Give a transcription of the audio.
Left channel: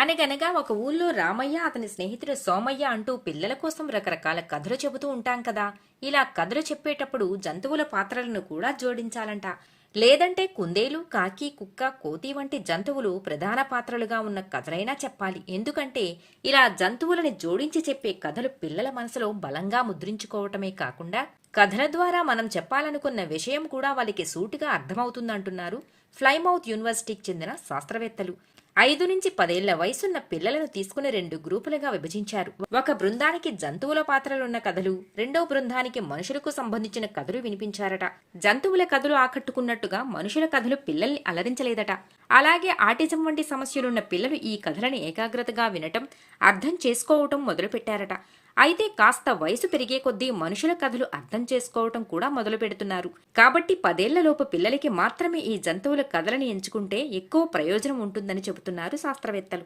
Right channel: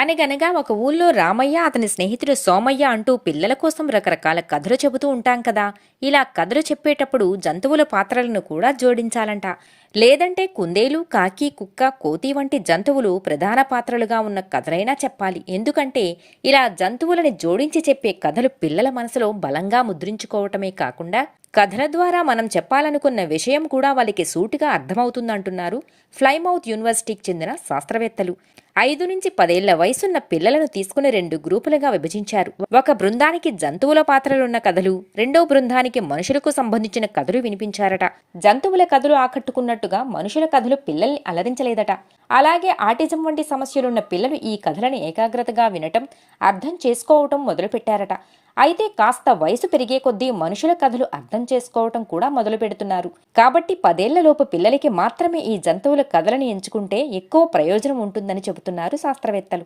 అనగనగా ఒక ఊళ్ళో రామయ్య అతని స్నేహితుడు సోమయ్య అంటూ పిల్లల కోసం రకరకాల కథలు చెబుతూ ఉంటాం కదా. ఇలా కథలు చెప్పేటప్పుడు జంతువుల పాత్రలను కూడా జోడించాలంట. లేదంటే కుందేలు, కాకి, కుక్క, కోతి వంటి జంతువులు ప్రధాన పాత్రలుగా ఉన్న కథలైనా చెప్పాలి. ఎందుకంటే ఇలా జంతువులని జోడించి చెప్పే కథలు పిల్లల మనసులో బలంగా ముద్రించుకోవటమే కాకుండా కథల ద్వారా మనం చెప్పాలనుకున్న విషయం కూడా వాళ్ళకి సూటిగా అర్థమవుతుందంటున్నారు ఫ్లైమౌత్ యూనివర్సిటీకి చెందిన శాస్త్రవేత్తలు. 5 నుంచి 10 ఏళ్ల వయసున్న పిల్లలను తీసుకుని 2 గ్రూపులుగా విభజించారు. ఒక బృందానికి జంతువుల పాత్రలున్న కథలు, రెండో బృందానికి మనుషులకు సంబంధించిన కథలు వినిపించారట. జంతువుల కథలు ఆకట్టుకున్నట్టుగా మనుషుల కథలు పిల్లల్ని అలరించలేదట. అలాగే ఆటిజం వంటి సమస్యలున్న పిల్లలు ఈ కథలను ఏకాగ్రతగా వినటం, అర్థం చేసుకోవటం మొదలుపెట్టారట. అయితే కాస్త వయసు పెరిగే కొద్దీ మనుషుల కథలు అర్థం చేసుకోవటం కూడా మొదలు పెడుతున్నారు. కాబట్టి 10 ఏళ్లలోపు పిల్లలకి మాత్రమే ఈ జంతువుల కథలను ఎంచుకుంటే ఎక్కువ ప్రయోజనం ఉంటుందని చెబుతున్నారు శాస్త్రవేత్తలు.